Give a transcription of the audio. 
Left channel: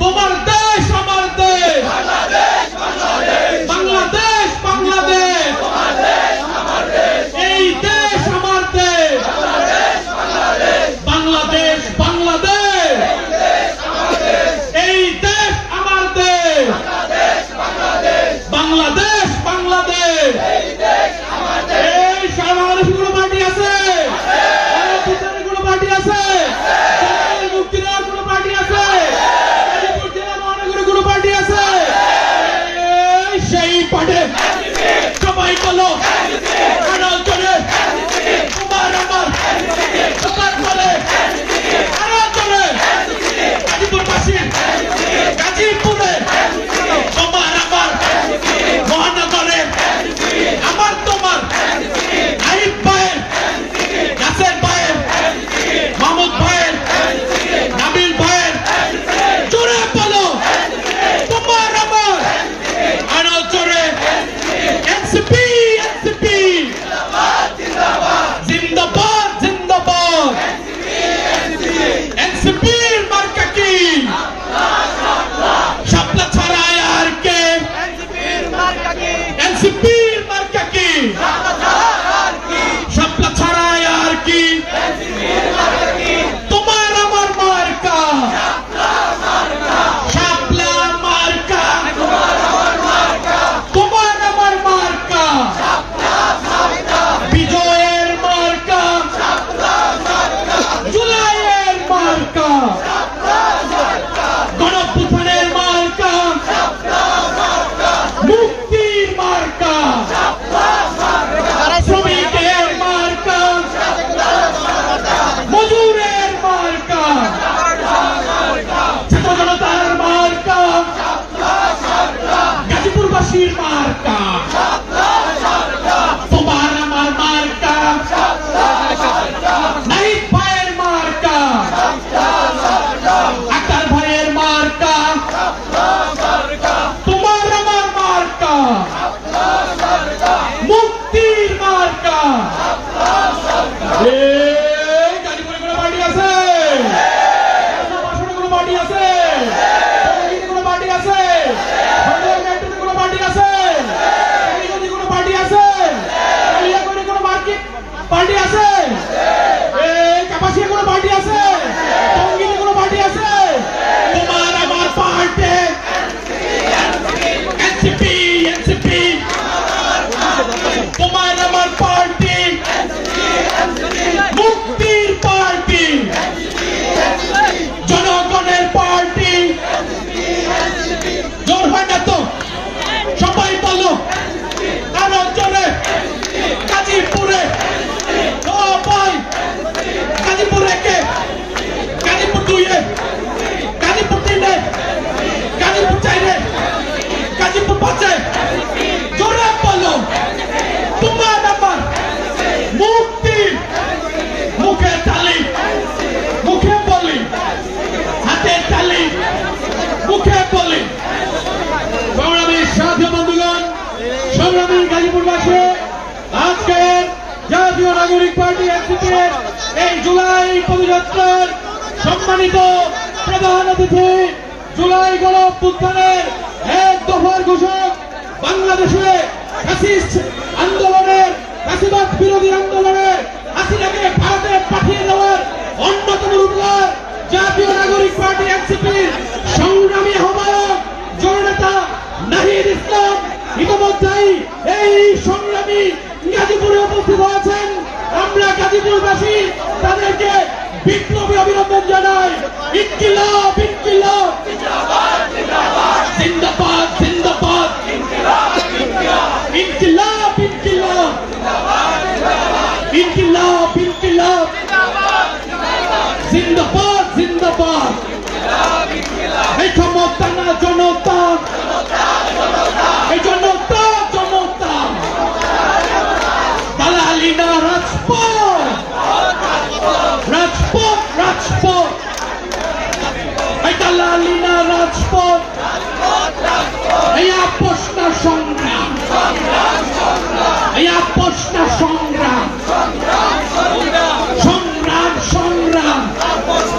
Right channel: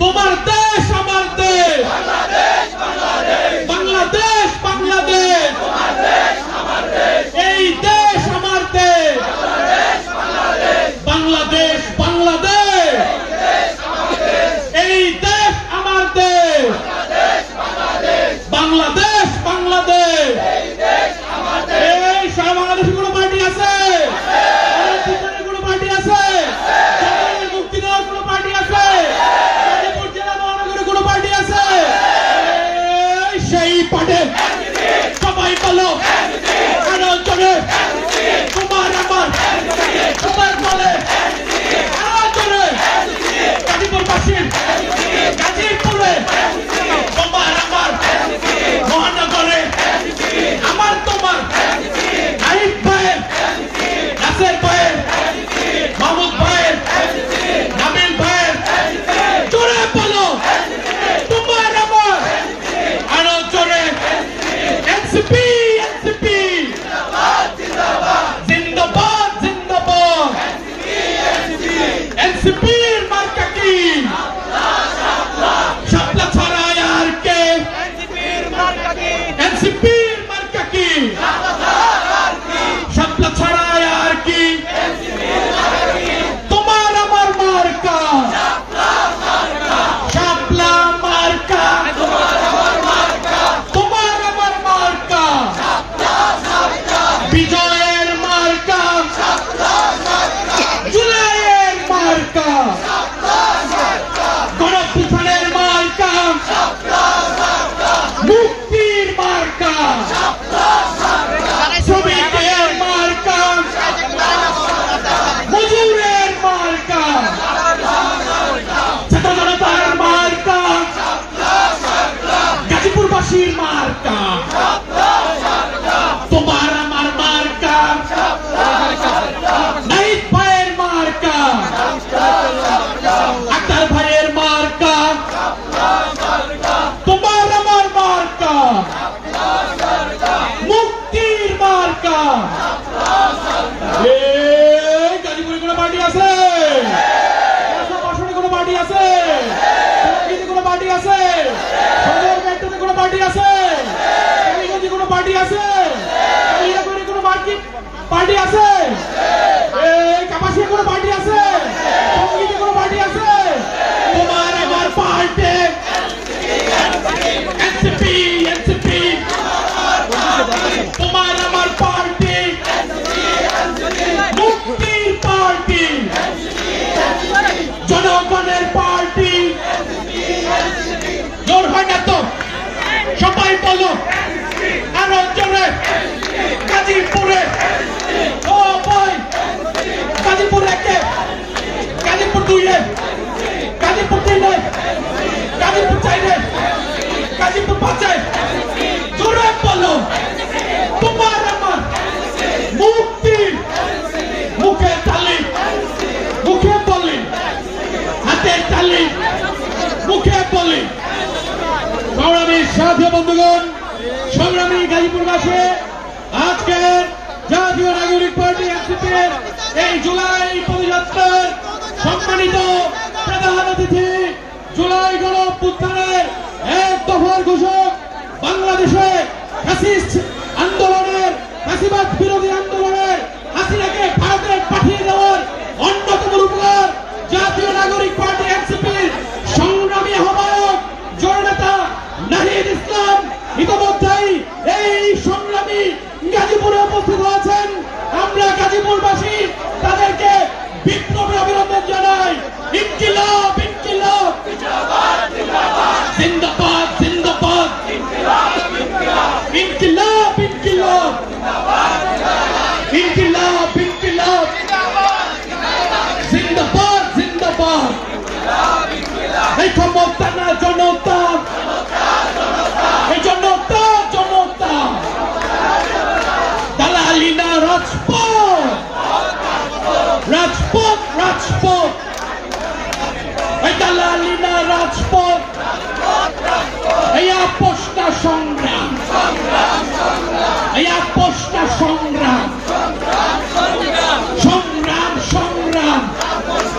তোমার দেশ আমার দেশ, বাংলাদেশ বাংলাদেশ, এই দেশ আমার দেশ, বাংলাদেশ বাংলাদেশ, এই দেশ আমার দেশ, বাংলাদেশ বাংলাদেশ, এই সারা বাংলাদেশে কোনো পার্টি আছে? কোনো পার্টি আছে? যুক্তি দেওয়ার কোনো পার্টি আছে? গাজীপুর জেলা মহানগরে কোনো পার্টি আছে? সেই পার্টি সবাই বলো আরো জোরে, তোমার আমার সবার বলে আরো জোরে, গাজীপুরবাসীর গাজীপুরে তোমার আমার মহানগরে আমার তোমার নাহিদ ভাইয়ের, নাসের ভাইয়ের, মাহমুদ ভাইয়ের, নাবিল ভাইয়ের, জোরে বলো তোমার আমার আরো জোরে, এনসিপি এনসিপি জিন্দাবাদ জিন্দাবাদ, এনসিপির মার্কা কি? শাপলা ছাড়া আর কে? এনসিপির মার্কা কি? শাপলা ছাড়া আর কি? তোমার আমার মার্কা শাপলা মার্কা, তোমার আমার মার্কা বিজয়ের মার্কা, জুলাইয়ের মার্কা, গণঅভ্যুত্থানের মার্কা, মুক্তির মার্কা, শ্রমিকের মার্কা, মজুরের মার্কা, ছাত্র জনতার মার্কা, গাজীপুরবাসীর মার্কা, তোমার আমার মার্কা, নাহিদ ভাইয়ের মার্কা, আক্তার ভাইয়ের মার্কা, তোমার আমার মার্কা, মুক্তির মার্কা। গাজীপুরে কোনো পার্টি আছে? কোনো পার্টি আছে? কোনো পার্টি আছে? কোনো পার্টি আছে? কোনো পার্টি আছে? কোনো পার্টি আছে? কাপাসিয়া কোনো পার্টি আছে? টঙ্গীতে কোনো পার্টি আছে? তোমার আমার পার্টি এনসিপি এনসিপি, তোমার আমার পার্টি মুক্তির পার্টি, জনগণের পার্টি। জোর হয় না তো? সবাই বলো আরো জোরে, গাজীপুরে সবাই, গাজীপুর একে, গাজীপুর দুইয়ে, গাজীপুর তিনে, গাজীপুর চাইরে, গাজীপুর পাঁচে, জোরে বলো তোমার আমার মুক্তির। মুখে তালি, মুখে বলি, হাতে তালি, মুখে বলি। সংগ্রামী সাথী বন্ধুগণ, সংগ্রামী গাজীপুরবাসী, আজকে জাতীয় নাগরিক পার্টি এনসিপির এই জুলাই পদযাত্রার সম্মানিত প্রধান অতিথি, জুলাই গণঅভ্যুত্থানের এক দফার ঘোষক, বাংলাদেশে ফ্যাসিস্ট আন্দোলনের, ফ্যাসিবাদ বিরোধী আন্দোলনের, হাসিনাকে ভারতে পাঠিয়ে দেওয়ার অন্যতম রূপকার জাতীয় নাগরিক পার্টি এনসিপির সংগ্রামী আহ্বায়ক জননেতা নাহিদ ইসলাম ইতিমধ্যেই এই সংগ্রামী গাজীপুরে উপস্থিত হয়েছেন। আমরা গাজীপুরবাসী তাদেরকে বিপ্লবী অভিনন্দন জানাই। ইনকিলাব ইনকিলাব জিন্দাবাদ জিন্দাবাদ জিন্দাবাদ জিন্দাবাদ ইনকিলাব ইনকিলাব ইনকিলাব ইনকিলাব জিন্দাবাদ জিন্দাবাদ ইনকিলাব ইনকিলাব জিন্দাবাদ জিন্দাবাদ জিন্দাবাদ